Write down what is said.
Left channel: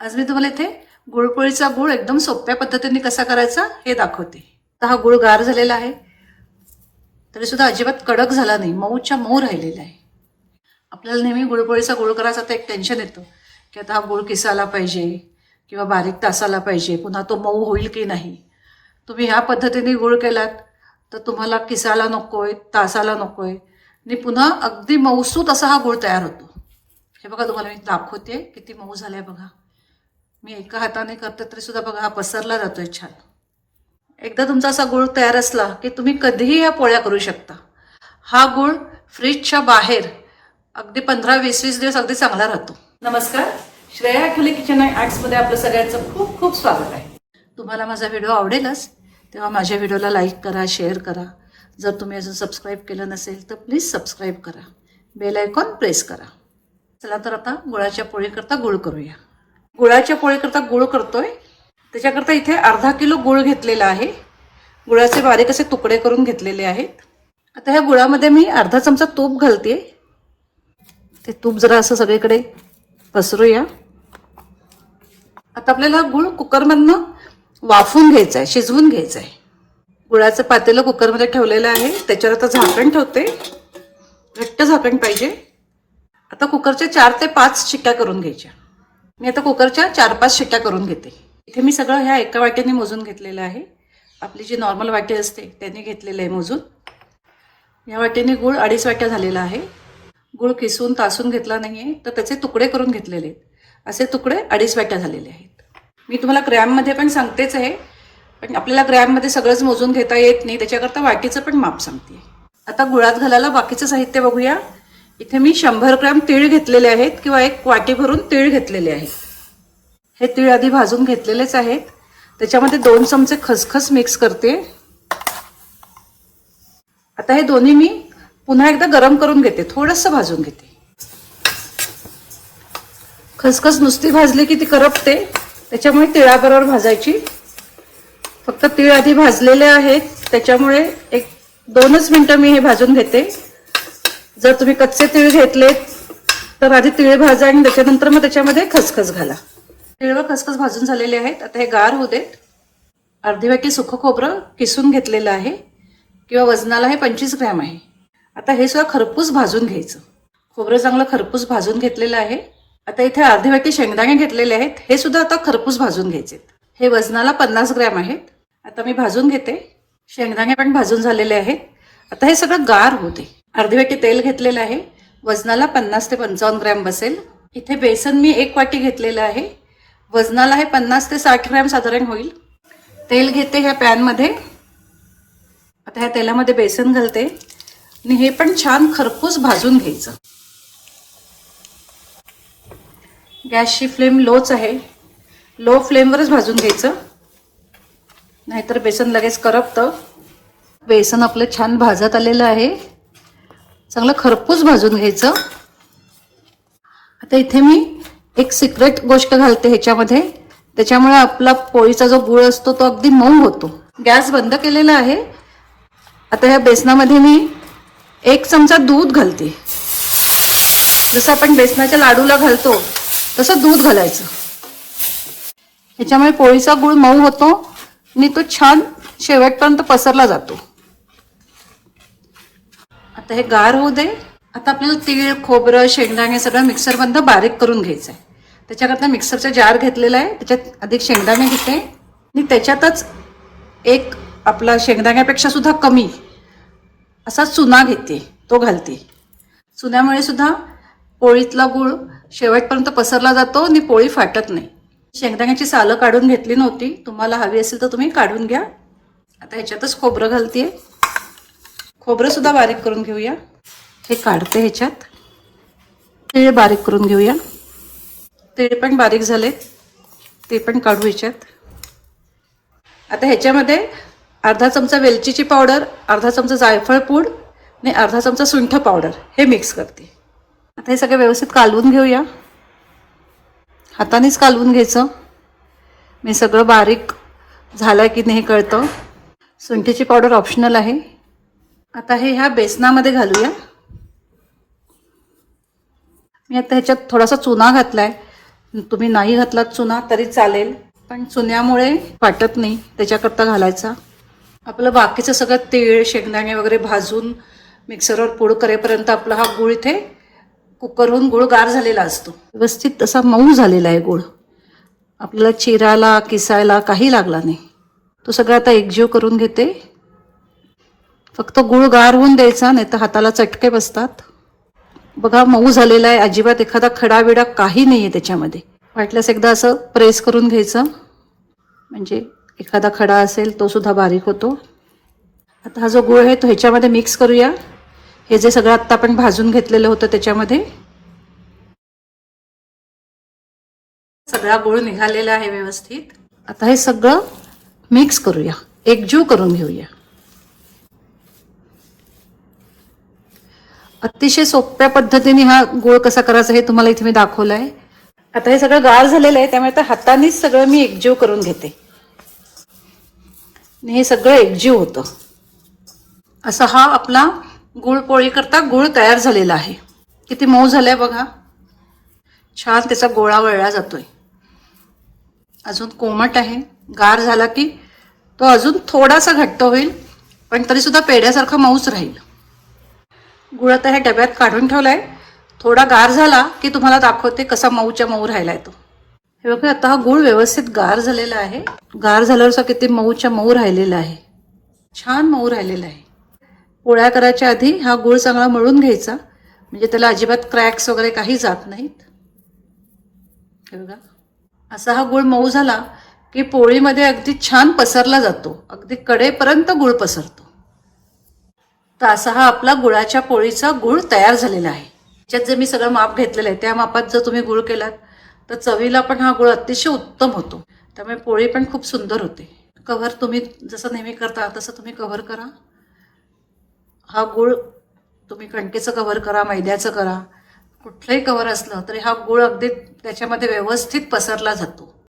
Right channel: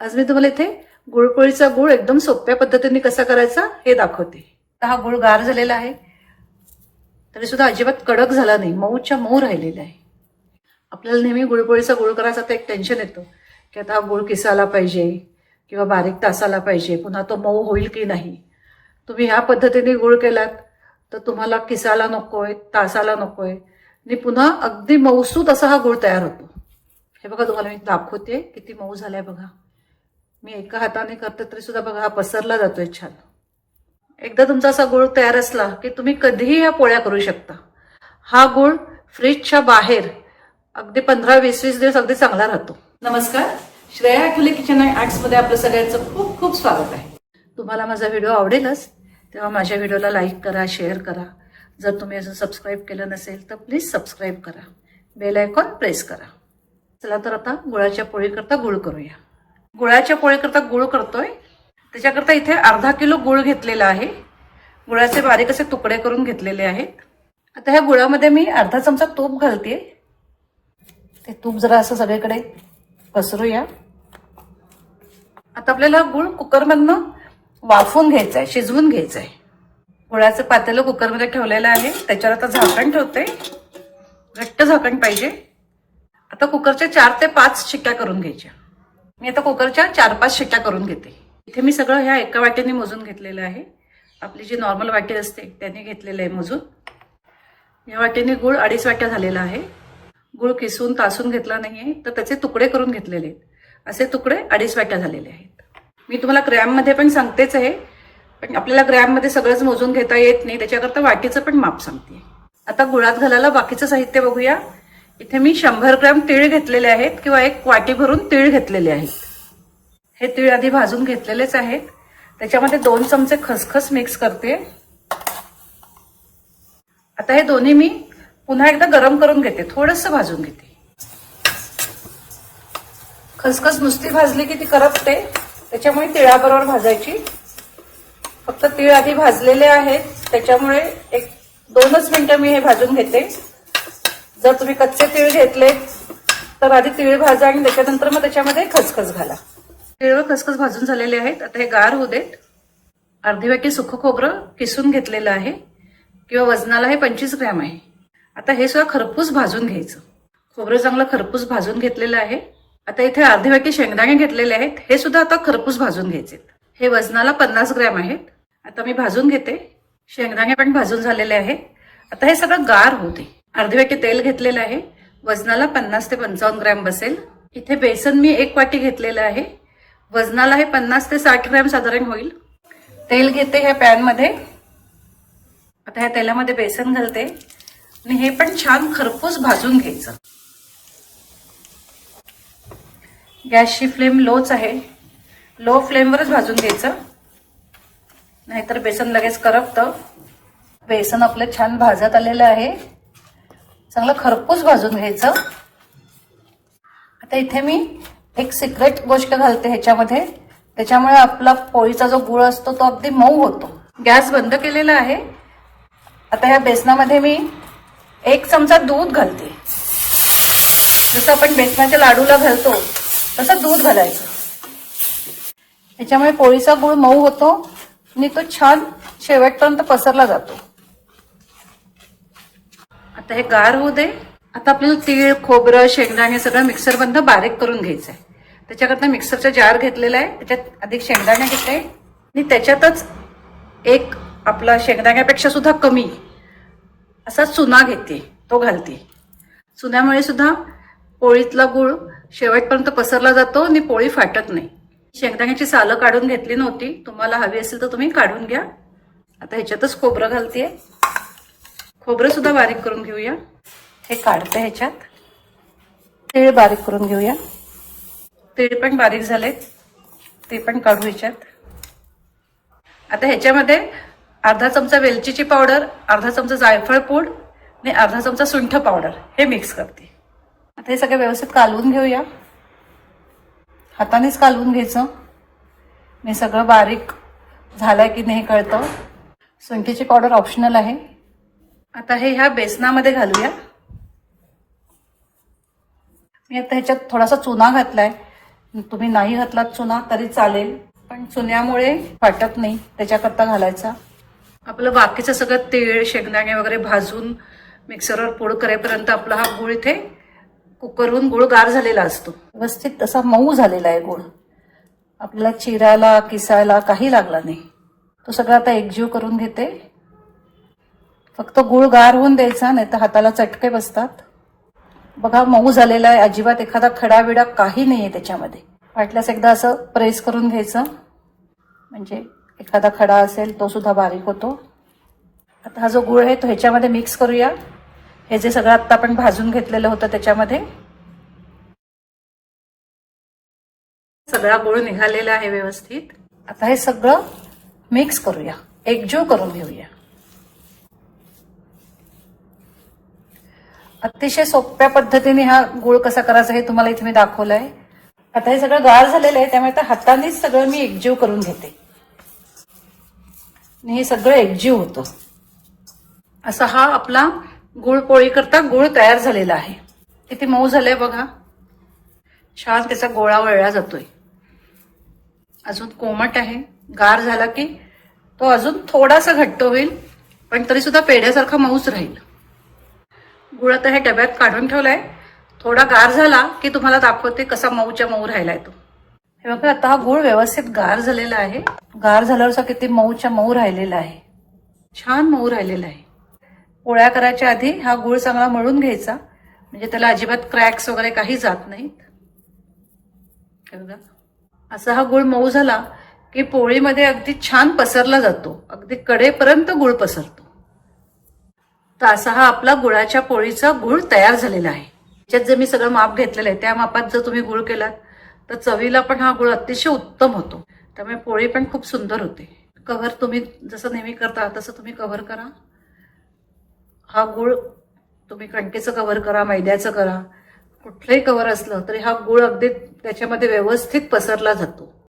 आज मी तुम्हाला इथे गुळपोळीचा गुळ एकदम सोप्या पद्धतीने कसा करायचा हे दाखवते. तर हा गुळ गार झालेला आहे. तरी सुद्धा अजिबात कडक झाला नाही. मऊच्या मऊ राहिलेला आहे. आपल्याला नेहमी गुळपोळीचा गुळ करायचा तर एक टेन्शन येतं की आता हा गुळ किसाला पाहिजे किंवा बारीक तासाला पाहिजे. पुन्हा तो मऊ होईल की नाही? तुम्ही ह्या पद्धतीने गुळ केलात तर तुम्हाला किसाला नको आहे तासाला नको आहे आणि पुन्हा अगदी मऊसूत असा हा गुळ तयार होतो. हे बघा तुम्हाला मी दाखवते किती मऊ झाला आहे बघा. मी एका हाताने करते तरी सुद्धा बघा हा पसरला जातोय छान. एकदा तुमचा असा गुळ तयार असला की तुम्ही कधीही ह्या पोळ्या करू शकता. हा गुळ फ्रीजच्या बाहेर अगदी पंधरा वीस वीस दिवस अगदी चांगला राहतो. नमस्कार. श्रेया खुले किचन आर्ट्समध्ये आपलं सगळ्यांचं खूप खूप स्वागत आहे. तुम्हाला माझा व्हिडिओ आवडेलच तेव्हा माझ्या व्हिडिओला लाईक करा शेअर करा. जर तुम्ही अजून सबस्क्राईब केलं नसेल तर प्लीज सबस्क्राईब करा. बेल आयकॉन प्रेस करा. चला तर आता गुळाच्या पोळीकरता गुळ करूया. गुळाच्या पोळीकरता गुळ करतोय. त्याच्याकरता इथे अर्धा किलो गुळ घेतलेला आहे. गुळाचे बारीक असे तुकडे करून घेतलेले आहेत. आता ह्या गुळामध्ये मी अर्धा चमचा तूप घालते ते तूप जरा असं सगळीकडे पसरूया. आता आपल्याला गुळ कुकरमधनं वाफवून घ्यायचं आहे शिजवून घ्यायचं आहे गुळाचं पातेलं कुकरमध्ये ठेवलेलं आहे. त्याच्यावर आता झाकण ठेवते घट्ट झाकण पाहिजे. आता कुकरच्या चार ते पाच शिट्ट्या करून घ्यायच्या. मी आता कुकरच्या चार पाच शिट्ट्या करून घेते. इथे मी सगळं ह्या एका वाट्याने मोजून घेतलेलं आहे. आपली जी नॉर्मल वाटी असते त्याने घेतलेलं आहे मोजून. या वाटेने गुळ अडीच वाट्या झालेला आहे. गुळ किसून तासून घेतला नाही आहे तर त्याचे तुकडे करून घेतलेले आहेत. असे तुकडे अडीच वाट्या झालेले आहेत. मी तुम्हाला ग्रॅममध्ये पण सांगतेच आहे पण आपल्याला ग्रॅममध्ये सगळंच मोजून घेता येत नाही त्याच्याकरता वाटीचं पण माप सांगते. आता गुळात घालायला बाकीचं साहित्य बघूया. इथे मी शंभर ग्रॅम तीळ घेतलेले आहेत किंवा एक वाटी भरून तीळ घेतलेले आहेत. हे तीळ आधी भाजून घेतलेलेच आहेत. त्याच्यामध्ये दोन चमचे खसखस मिक्स करते. आता हे दोन्ही मी पुन्हा एकदा गरम करून घेते. थोडंसं भाजून घेते. खसखस नुसती भाजली की ती करपते. त्याच्यामुळे तिळाबरोबर भाजायची. फक्त तीळ आधी भाजलेले आहेत. त्याच्यामुळे एक दोनच मिनटं मी हे भाजून घेते. जर तुम्ही कच्चे तीळ घेतलेत तर आधी तीळ भाजा आणि त्याच्यानंतर मग त्याच्यामध्ये खसखस घाला. तीळ व खसखस भाजून झालेले आहेत. आता हे गार होऊ देत. अर्धी वाटी सुखं खोबरं किसून घेतलेलं आहे. किंवा वजनाला हे पंचवीस ग्रॅम आहे. आता हे सुद्धा खरपूस भाजून घ्यायचं. खोबरं चांगलं खरपूस भाजून घेतलेलं आहे. आता इथे अर्धी वाटी शेंगदाणे घेतलेले आहेत. हे सुद्धा आता खरपूस भाजून घ्यायचे हे वजनाला पन्नास ग्रॅम आहेत. आता मी भाजून घेते. शेंगदाणे पण भाजून झालेले आहेत. आता हे सगळं गार होते अर्धे वाटी तेल घेतलेलं आहे. वजनाला पन्नास ते पंचावन्न ग्रॅम बसेल. इथे बेसन मी एक वाटी घेतलेलं आहे. वजनाला हे पन्नास ते साठ ग्रॅम साधारण होईल. तेल घेते ह्या पॅनमध्ये आता ह्या तेलामध्ये बेसन घालते. आणि हे पण छान खरपूस भाजून घ्यायचं. गॅसची फ्लेम लोच आहे. लो फ्लेमवरच भाजून घ्यायचं. नाहीतर बेसन लगेच करपतं. बेसन आपलं छान भाजत आलेलं आहे. चांगलं खरपूस भाजून घ्यायचं. आता इथे मी एक सिक्रेट गोष्ट घालते ह्याच्यामध्ये. त्याच्यामुळे आपला पोळीचा जो गुळ असतो तो अगदी मऊ होतो. गॅस बंद केलेला आहे. आता ह्या बेसनामध्ये मी एक चमचा दूध घालते. जसं आपण बेसनाच्या लाडूला घालतो तसं दूध घालायचं. त्याच्यामुळे पोळीचा गुळ मऊ होतो. आणि तो छान शेवटपर्यंत पसरला जातो. आता हे गार होऊ दे. आता आपल्याला तीळ खोबरं शेंगदाणे सगळं मिक्सरमधनं बारीक करून घ्यायचं आहे. त्याच्याकरता मिक्सरचा जार घेतलेला आहे. त्याच्यात अधिक शेंगदाणे घेते. आणि त्याच्यातच एक आपला शेंगदाण्यापेक्षा सुद्धा कमी असा चुना घेते. तो घालते. चुन्यामुळे सुद्धा पोळीतला गुळ शेवटपर्यंत पसरला जातो आणि पोळी फाटत नाही. शेंगदाण्याची सालं काढून घेतली नव्हती. तुम्हाला हवी असेल तर तुम्ही काढून घ्या. आता ह्याच्यातच खोबरं घालते खोबरं सुद्धा बारीक करून घेऊया. हे काढते ह्याच्यात. तीळ बारीक करून घेऊया. तीळ पण बारीक झाले. ते पण काढू ह्याच्यात. आता ह्याच्यामध्ये अर्धा चमचा वेलचीची पावडर अर्धा चमचा जायफळ पूड आणि अर्धा चमचा सुंठ पावडर हे मिक्स करते. आता हे सगळं व्यवस्थित कालवून घेऊया. हातानेच कालवून घ्यायचं. मी सगळं बारीक झालं की नाही कळतं. सुंठीची पावडर ऑप्शनल आहे. आता हे ह्या बेसनामध्ये घालूया. मी आता ह्याच्यात थोडासा चुना घातलाय. तुम्ही नाही घातलात चुना तरी चालेल. पण चुन्यामुळे वाटत नाही त्याच्याकरता घालायचा. आपलं बाकीचं सगळं तीळ शेंगदाणे वगैरे भाजून मिक्सरवर पूड करेपर्यंत आपला हा गुळ इथे कुकरहून गुळ गार झालेला असतो. व्यवस्थित तसा मऊ झालेला आहे गुळ. आपल्याला चिरायला किसायला काही लागला नाही. तो सगळा आता एकजीव करून घेते. फक्त गुळ गार होऊन द्यायचा नाही तर हाताला चटके बसतात. बघा मऊ झालेला आहे. अजिबात एखादा खडाविडा काही नाही आहे त्याच्यामध्ये. वाटल्यास एकदा असं प्रेस करून घ्यायचं. म्हणजे एखादा खडा असेल तो सुद्धा बारीक होतो. आता हा जो गुळ आहे तो ह्याच्यामध्ये मिक्स करूया. हे जे सगळं आत्ता आपण भाजून घेतलेलं होतं त्याच्यामध्ये. सगळा गुळ निघालेला आहे व्यवस्थित. आता हे सगळं मिक्स करूया. एकजीव करून घेऊया. अतिशय सोप्या पद्धतीने हा गोळ कसा करायचा हे तुम्हाला इथे मी दाखवलं आहे आता हे सगळं गार झालेलं आहे त्यामुळे आता हातानेच सगळं मी एकजीव करून घेते. हे सगळं एकजीव होतं. असा हा आपला गुळ पोळी करता गुळ तयार झालेला आहे. किती मऊ झालाय बघा. छान त्याचा गोळा वळला जातोय. अजून कोमट आहे. गार झाला की तो अजून थोडासा घट्ट होईल पण तरी सुद्धा पेढ्यासारखा मऊच राहील. गुळ आता ह्या डब्यात काढून ठेवलाय. थोडा गार झाला की तुम्हाला दाखवते कसा मऊच्या मऊ राहिलाय तो. हे बघा आता हा गुळ व्यवस्थित गार झालेला आहे. गार झाल्यावर किती मऊच्या मऊ राहिलेला आहे. छान मऊ राहिलेला आहे. पोळ्या करायच्या आधी हा गुळ चांगला मळून घ्यायचा. म्हणजे त्याला अजिबात क्रॅक्स वगैरे काही जात नाहीत. हे बघा असा हा गुळ मऊ झाला की पोळीमध्ये अगदी छान पसरला जातो. अगदी कडेपर्यंत गुळ पसरतो. तर असा हा आपला गुळाच्या पोळीचा गुळ तयार झालेला आहे. त्याच्यात जे मी सगळं माप घेतलेलं आहे त्या मापात जर तुम्ही गुळ केलात तर चवीला पण हा गुळ अतिशय उत्तम होतो. त्यामुळे पोळी पण खूप सुंदर होते. कव्हर तुम्ही जसं नेहमी करता तसं तुम्ही कव्हर करा. हा गुळ तुम्ही कणकेचं कव्हर करा मैद्याचं करा. कुठलंही कव्हर असलं तरी हा गुळ अगदी त्याच्यामध्ये व्यवस्थित पसरला जातो.